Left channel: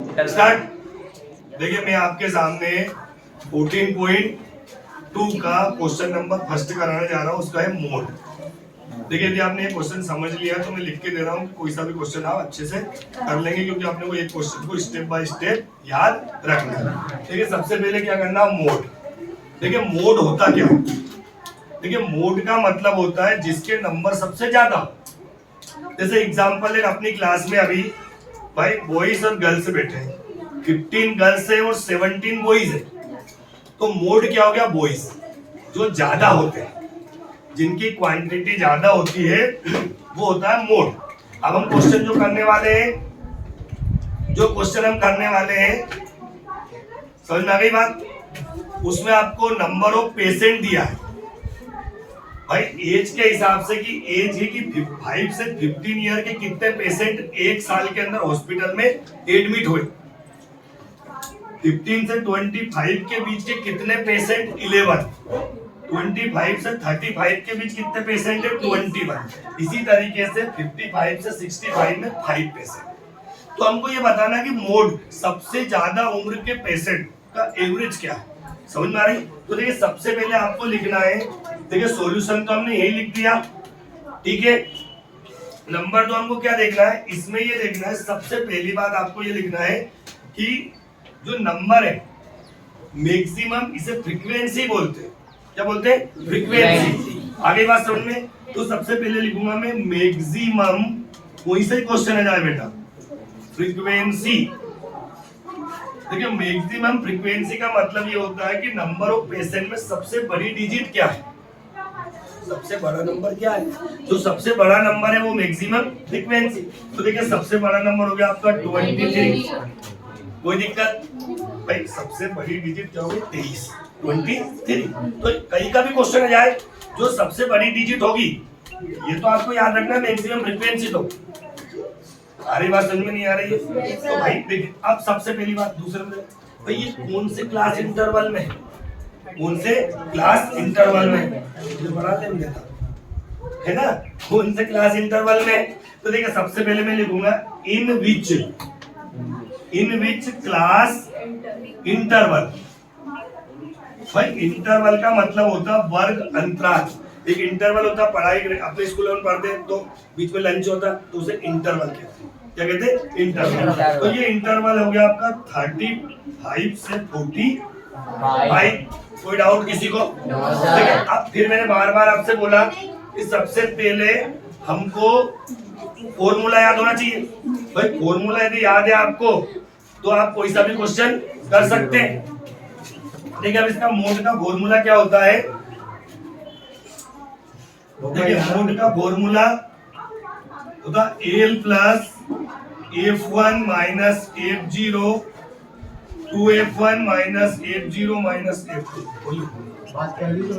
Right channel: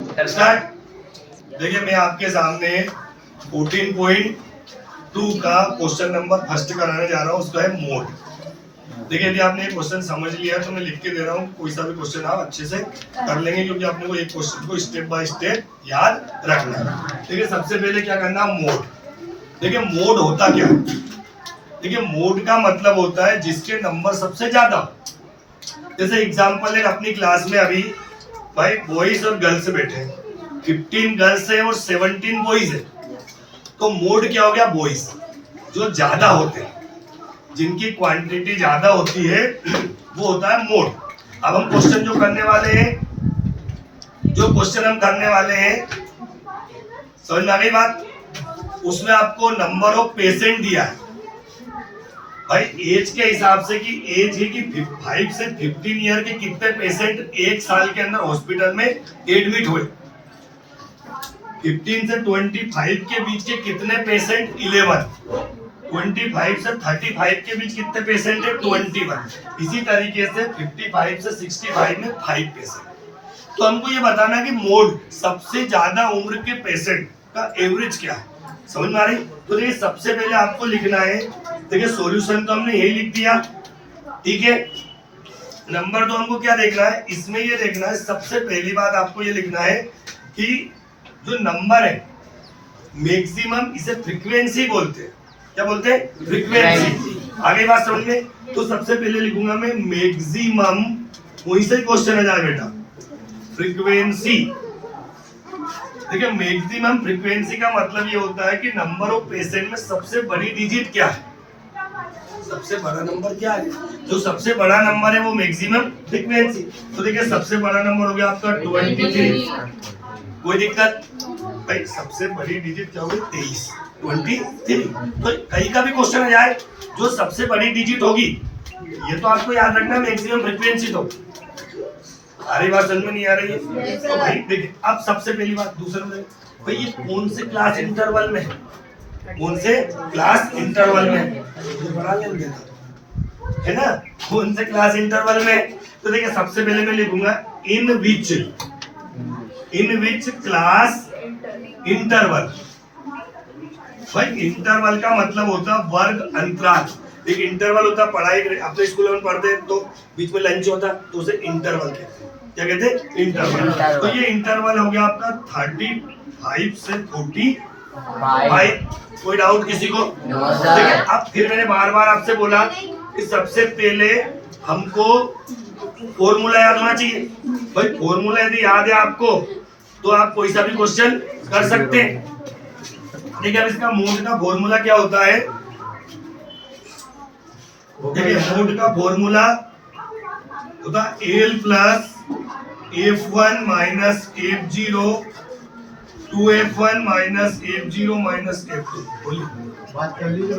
Start. देखिए मैं आपके सामने 14.2 का क्वेश्चन नंबर फर्स्ट कराने जा रहा हूँ। उसका है मोड। देखिए यदि आपने ये क्वेश्चन समझ लिया तो मैं लिख के दे रहा हूँ, कोई सा भी क्वेश्चन आप अच्छे से कर लेंगे, क्योंकि आपने को एक क्वेश्चन को स्टेप बाय स्टेप याद रखना है। देखिए सबसे पहले क्या करना, मोड। देखिए मोड होता क्या है? देखिए मोड का मतलब होता है जिसके नंबर सबसे ज्यादा हो। जैसे एग्जांपल है, अपनी क्लास में अभी भाई बॉयज और गर्ल्स बैठे हैं, 15 गर्ल्स है और 17 बॉयज है। तो मोड क्या हो गया? बॉयज जो ज्यादा होते हैं, जिनकी क्वांटिटी ज्यादा होती है, वो होता है मोड। अब हम क्वेश्चन जो करने वाले हैं, समझ में आ गई बात? उसमें आपको नंबर ऑफ पेशेंट दिया है भाई एज के हिसाब से, कि एज है कि 5 से 15 ईयर के कितने पेशेंट एक साल के अंदर हॉस्पिटल में एडमिट हुए। 15 से 25 के बीच के कितने पेशेंट? 11। 25 से 35 के बीच कितने पेशेंट है? 21। इसी तरीके से 55 से 65 में 5 पेशेंट। तो हमको ये बताना कि मोड सबसे ज्यादा उम्र के पेशेंट का एवरेज क्या है। समझ में आ रही? तो देखिए सबसे पहले आपको लिखना है, देखिए सॉल्यूशन तो हमने यही लिख दिया, ठीक है। नंबर 2 हमको क्या देखना है, इसमें ये देखना है, सबसे पहली बात आपको ये लिखना है कि जो नंबर है मैक्सिमम, इसे फ्रीक्वेंसी बोलते हैं। क्या बोलते हैं? फ्रीक्वेंसी। आगे बात समझ में? तो सबसे पहले लिखूंगा मैं मैक्सिमम, वहीं से क्वेश्चन है जाए बेटा, फ्रीक्वेंसी। देखिए मैक्सिमम फ्रीक्वेंसी का मतलब ये होता है कि नंबर ऑफ पेशेंट में सबसे बड़ी डिजिट क्या है, सबसे बड़ा नंबर क्या है। जो सबसे बड़ा नंबर है वो मैक्सिमम फ्रीक्वेंसी। तो देखिए सबसे बड़ा नंबर हो गया आपका 23। कोई दिक्कत भाई? सबसे बड़ी डिजिट क्या होगी? 23, 23। तो कहीं का भी क्वेश्चन आ जाए, जो सबसे बड़ी डिजिट होगी, ये तो आपको याद रखना मैक्सिमम फ्रीक्वेंसी। तो सारी बात समझ में नहीं आ रही है तो भाई देखिए, अब सबसे पहली बात, दूसरे में भाई ये कौन से क्लास इंटरवल में है, कौन से क्लास इंटरवल में बड़ा लेन देना है ना, कौन से क्लास इंटरवल में। तो देखिए सबसे पहले मैं लिखूंगा इन विच क्लास इंटरवल। भाई इंटरवल का मतलब होता है वर्ग अंतराल। एक इंटरवल होता है, पढ़ाई अपने स्कूल में पढ़ते हैं तो बीच में लंच होता है, तो उसे इंटरवल कहते हैं। क्या कहते हैं? इंटरवल। तो ये इंटरवल हो गया आपका 35 से 45। कोई डाउट किसी को? देखिए अब फिर मैंने बार बार आपसे बोला कि सबसे पहले हमको फॉर्मूला याद होना चाहिए। भाई फॉर्मूला यदि याद है आपको तो आप कोई सा भी क्वेश्चन कर सकते हैं। देखिए अब इसका मोड का फॉर्मूला क्या होता है। देखिए मोड का फॉर्मूला होता L plus F1 minus F0 2F1 minus F0 minus F2। बोलिए बात कर लीजिए,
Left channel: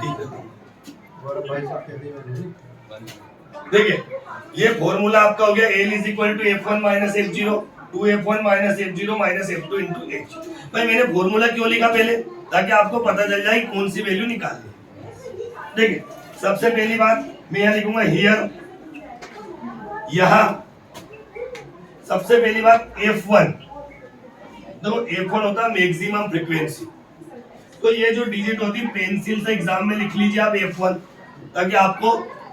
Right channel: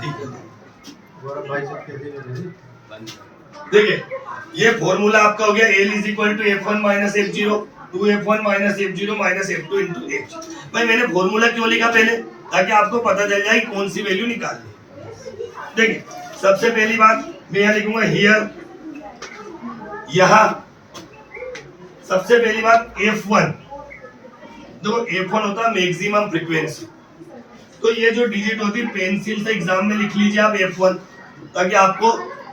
ठीक है। देखिए ये फॉर्मूला आपका हो गया L is equal to F1 minus F0 2F1 minus F0 minus F2 into H। भाई मैंने फॉर्मूला क्यों लिखा पहले, ताकि आपको पता चल जाए कौन सी वैल्यू निकालनी। देखिए सबसे पहली बात मैं यहाँ लिखूंगा हियर, यहाँ सबसे पहली बात F1। देखो F1 होता है मैक्सिमम फ्रीक्वेंसी। तो ये जो डिजिट होती है पेंसिल से एग्जाम में लिख लीजिए आप F1, ताकि आपको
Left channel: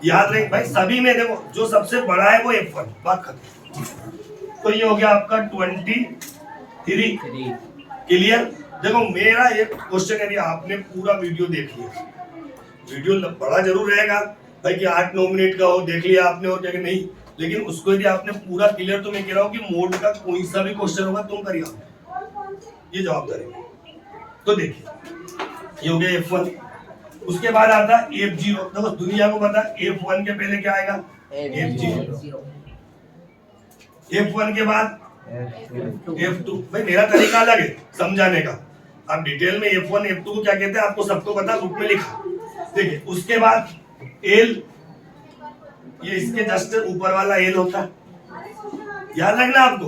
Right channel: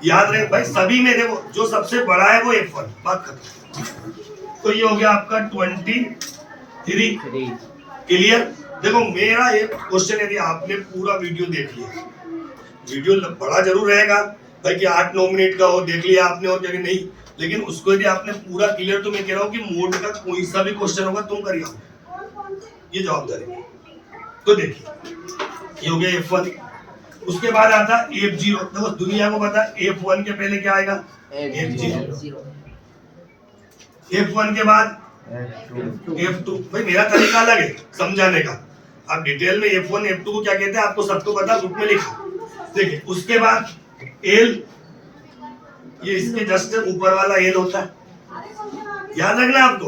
याद रहे। भाई सभी में देखो जो सबसे बड़ा है वो F1, बात खत्म। तो ये हो गया आपका 23। क्लियर? देखो मेरा एक क्वेश्चन, यदि आपने पूरा वीडियो देख लिया, वीडियो बड़ा जरूर रहेगा भाई कि 8-9 मिनट का हो, देख लिया आपने और क्या नहीं, लेकिन उसको यदि आपने पूरा क्लियर, तो मैं कह रहा हूँ कि मोड का कोई सा भी क्वेश्चन होगा तुम करिए, ये जवाबदारी। तो देखिए ये हो गया F1। उसके बाद आता F0। देखो दुनिया को पता है F1 के पहले क्या आएगा? F0। F1 के बाद F2। भाई मेरा तरीका अलग है समझाने का, आप डिटेल में F1 F2 को क्या कहते हैं आपको सबको पता, बुक में लिखा। देखिए उसके बाद L, ये इसके जस्ट ऊपर वाला L होता है, याद रखना आपको।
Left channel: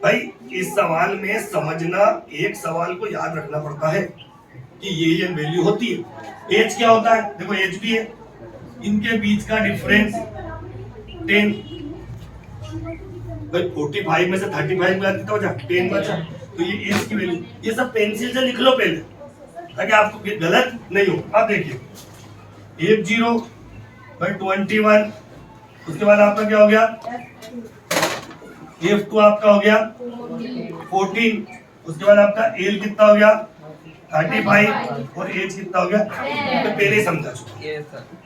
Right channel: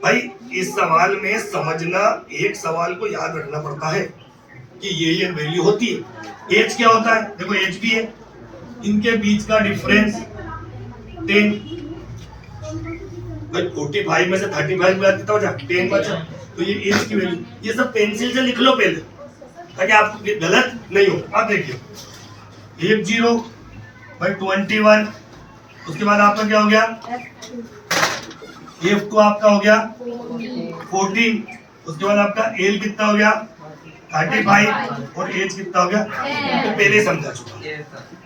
भाई इस सवाल में समझना, एक सवाल को याद रखना पड़ता है कि ये वैल्यू होती है। H क्या होता है? देखो H भी है, इनके बीच का डिफरेंस 10। भाई 45 में से 35 गया कितना बचा 10 बचा। तो ये एज की वैल्यू, ये सब पेंसिल से लिख लो पहले ताकि आपको गलत नहीं हो। अब देखिए F0 भाई 21, उसके बाद आपका क्या हो गया F2 आपका हो गया 14, उसके बाद आपका एल कितना हो गया 35 और एज कितना हो गया, तो पहले समझा चुका।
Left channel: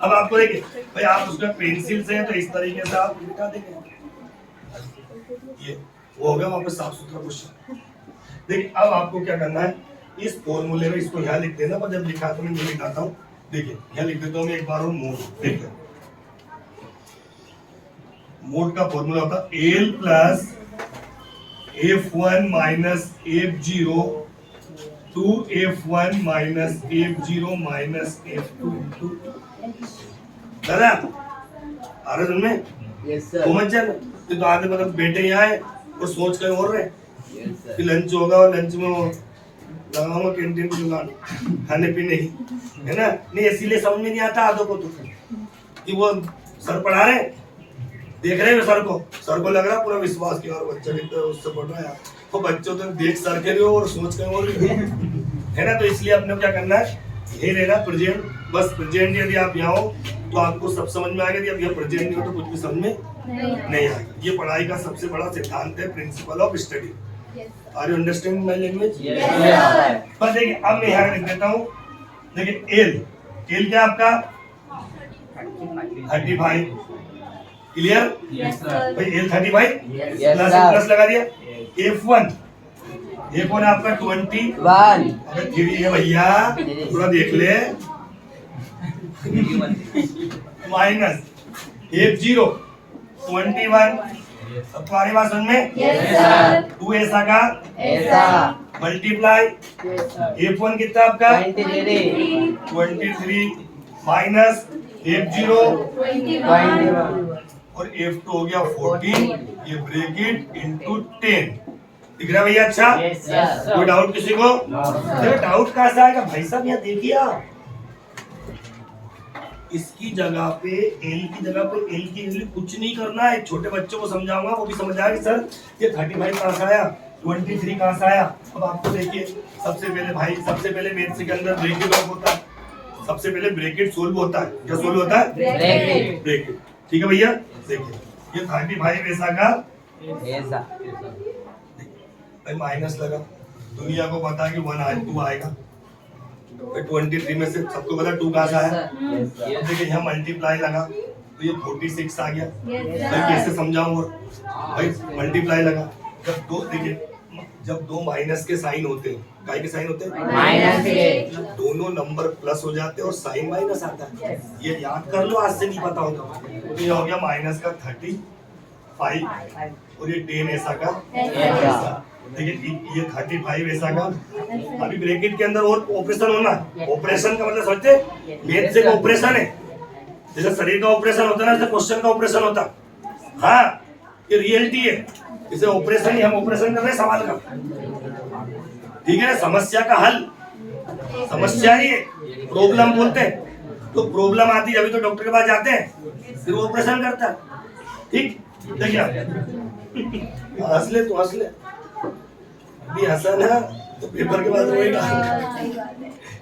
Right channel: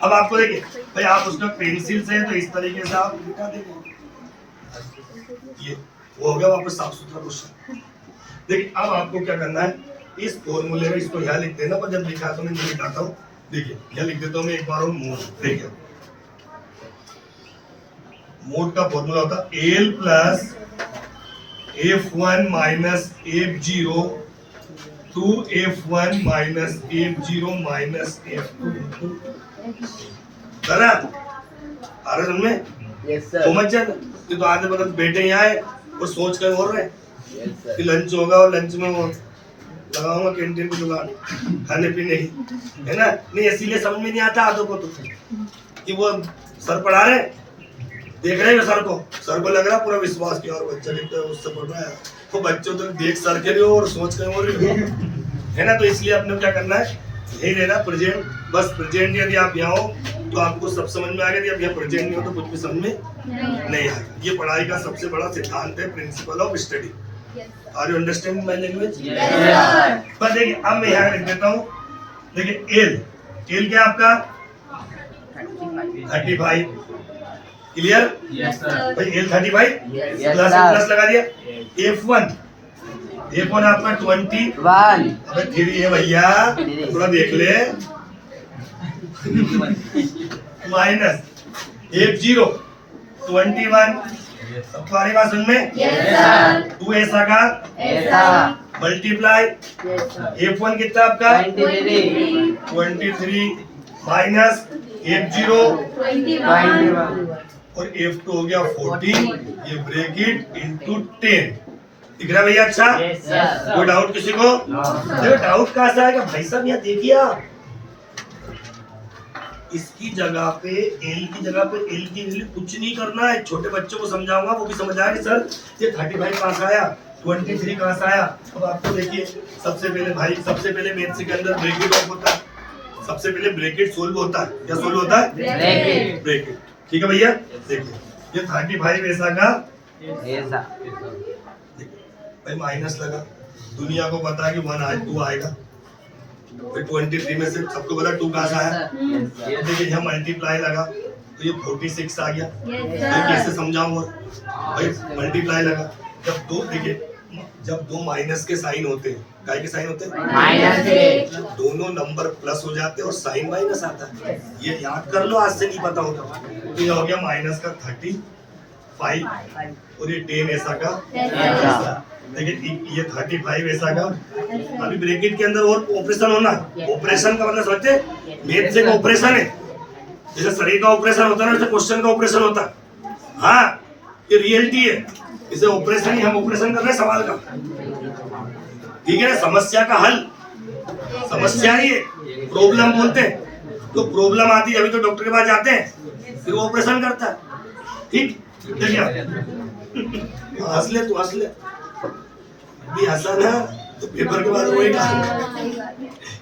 अब आपको देखिए भाई आप उसका पेंसिल से तो इस तरीके से आप लिखा देंगे, ये वो हो गया वापस साफ सुथरा क्वेश्चन। देखिए अब आपको क्या करना है, इस फॉर्मूले में इसको यहाँ लिख देना, पर जब लिखा तो मैं नहीं लिखाता हूँ। देखिए यहाँ लिख देता हूँ मैं एक बार और मोड। देखिए मोड का फॉर्मूला होता है L plus F1 minus F0 two F1 minus F0 minus F2 into आ रहा समझ में? Yes sir. समझ जाए तो आगे मतलब बैठे यहाँ है और सोच कर और रहे कि लंच होगा और लंच में वो लगाऊंगा कैंटीन की दुकान खाने पीने की, है ना? नहीं इसीलिए समझ में नहीं आता आदों को तो कि वो सर पढ़ा रहे, देख रहे हैं सर को लग रहा है पूरा विश्वास किया और बच्चा कितना उससे पढ़ रहा है, वो बच्चों तो देख सर के रहे हो और सोच कर और है ना? तो इसलिए अपने क्या करना है, यही रहना प्रेजेंट, बस प्रेजेंट। यदि आप यहाँ हो तो आपको सब समझ में आ गया, यदि आप यहाँ प्रेजेंट नहीं हो तो कुछ भी समझ में नहीं आएगा। ये पढ़ाई का सबसे बड़ा सिद्धांत है, principle of study. Are you understanding my language? पर देखिए अब मैं यहाँ लिख देता हूँ। देखिए एल क्या आपका 35, क्लियर? भाई एल 35 प्लस लगा दिया। F1 आपका 21, अबे 3 है भैया, थोड़ा देख ले, माइनस F0 21, अब तुम्हारी बात समझ में? 2 ऐसा का मल्टीप्लाई F1 कितना आपका 23 माइनस F0 और F2 हो गया 14, ये ब्रैकेट इनटू 10। दिख रहा है भैया? अच्छा कोई डाउट किसी को? देखो डाउट कहाँ से आएगा भाई साहब, यहाँ देखिए आप इसकी जगह पे एल की जगह पे एल की वैल्यू कुछ नहीं करना है। छोटे बच्चों को समझाऊंगा वो भी समझ आएगा सर ये 35 कहाँ से आया, 23 कहाँ से आया। अब आपको देखिए सबसे पहले मैथ्स के अंदर ब्रैकेट ऑफ होता है, सबसे पहले ब्रैकेट सोल्व होता है। क्या सोल्व होता है? ब्रैकेट। ठीक है भैया? देखिए ये 35 ऐसा का भाई माइनस लगा, दुनिया को पता है कि 2 आएगा, फिर 23 में से सबको पता 2 कहाँ से आया। देखिए यहाँ मल्टीप्लाई लगा तो ये 46 आ गया। भाई कैसे समझाऊं? और भाई मल्टीप्लाई लगा जब दो माइनस के साइन होते हैं, काय के साइन होते हैं माइनस के, दोनों नंबर प्लस हो जाते हैं और साइन माइनस आता है। ये याद कर लो, आज से नहीं पता होता। तो ये हो गया माइनस का 35 और ये 10 ऐसा का ऐसा। देखिए ये 35 ऐसा का, अभी ब्रैकेट के अंदर और ऑपरेशन होना, ऑपरेशन का मतलब समझते हैं, मैथ से ऑपरेशन है, जैसे शरीर का ऑपरेशन होता है ना, जैसे क्वेश्चन का ऑपरेशन होता है। हाँ ये रियलिटी है, इसे ऑपरेशन ही हम ऑपरेशन कर रहे हैं सवाल का, ठीक है ना? समस्या का हल, समस्या ही प्रॉब्लम बोलते हैं। तो प्रॉब्लम आती है अभी तो डॉक्टर के पास जाते हैं, फिर वो ऑपरेशन करता है। ठीक देखिए हंस ले तू, हंस ले भी, हंसा ना तो पेपर के बाद रोएगा,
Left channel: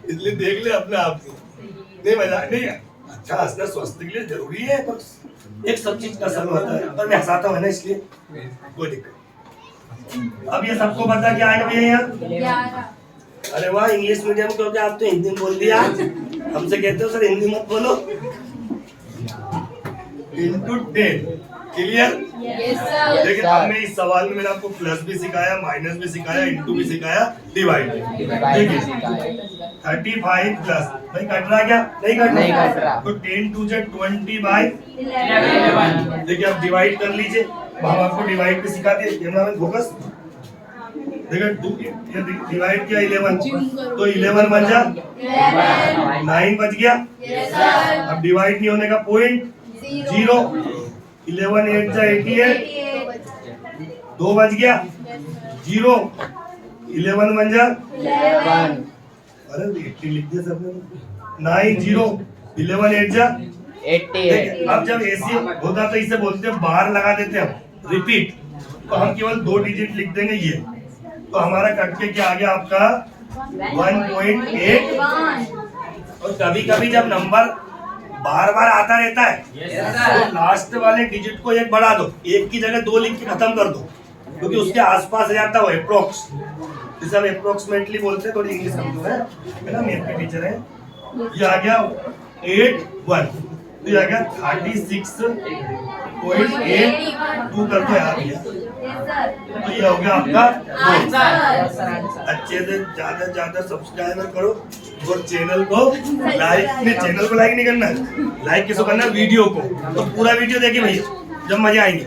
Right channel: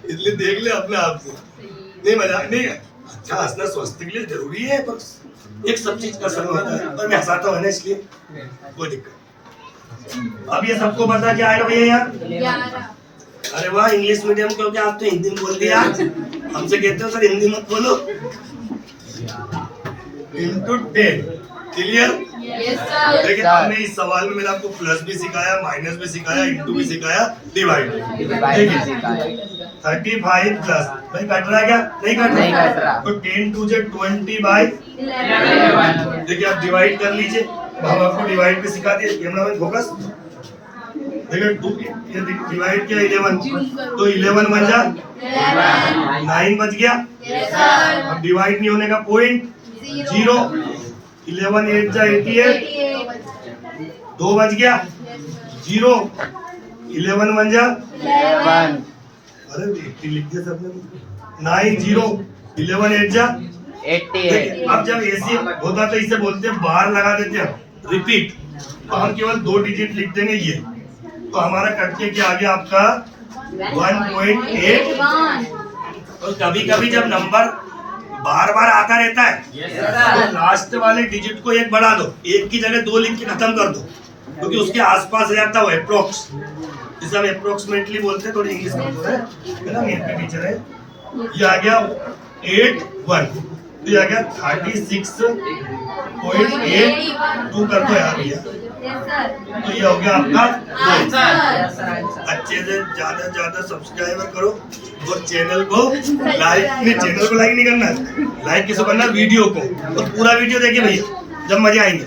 इसलिए देख ले अपने आप से। नहीं मजाक नहीं, अच्छा हंसना स्वास्थ्य के लिए जरूरी है, पर एक सब चीज का असर होता है, पर मैं हंसाता हूँ ना इसलिए कोई दिक्कत। अब ये सबको पता क्या आएगा भैया यहाँ? अरे वाह, इंग्लिश मीडियम क्योंकि आप तो हिंदी में बोल दिया, हमसे कहते हो सर हिंदी मत बोलो। Into 10, clear? देखिए अब मैं इस सवाल में मैंने आपको प्लस भी सिखाया, माइनस भी सिखाया, इनटू भी सिखाया, डिवाइड। देखिए 35 प्लस भाई कट रहा क्या? नहीं कट रहा। तो 10 2 जा 20/11। देखिए आप डिवाइड कर लीजिए, हम आपको डिवाइड भी सिखा दिए। कैमरा में फोकस। देखिए 2 डिवाइड किया 11, तो 11 बन जा 9 बच गया। अब डिवाइड नहीं होने का पॉइंट 0, 11 8 जा 88, 2 बच गया 0, 11 बन जा 11। अरे 80 लिख दिया सबने, 9 0 11 8 जा 88। अब जब ऐसे होता तो इसे बोलते हैं बार लगा देते हैं, रिपीट। तो हम केवल 2 डिजिट लिख देंगे ये, तो हमारा कट के क्या आ गया आपका 1.8। और कभी कभी जब नंबर बार बार आता रहता है तो लास्ट वाले डिजिट को 1 बढ़ा दो, 1 की जगह 2 लिख के खत्म कर दो, क्योंकि उसके आसपास रहता है वो अप्रोक्स, जिसे हम अप्रोक्सीमेटली बोलते हैं। थोड़ी इंग्लिश समझो है ना, मेरे पे टीचर है। ये आ गया 81, तो ये आ गया 36.82 कर दो यार भैया, तो ये हो गया आपका 2। अच्छे से ज्यादा सब्सक्राइबर करो और चैनल को लाइक, नहीं चैनल को लाइक नहीं करना, लाइक किसको करना, वीडियो को। तो पूरा वीडियो देखिए भैया, जब मजे आएंगे।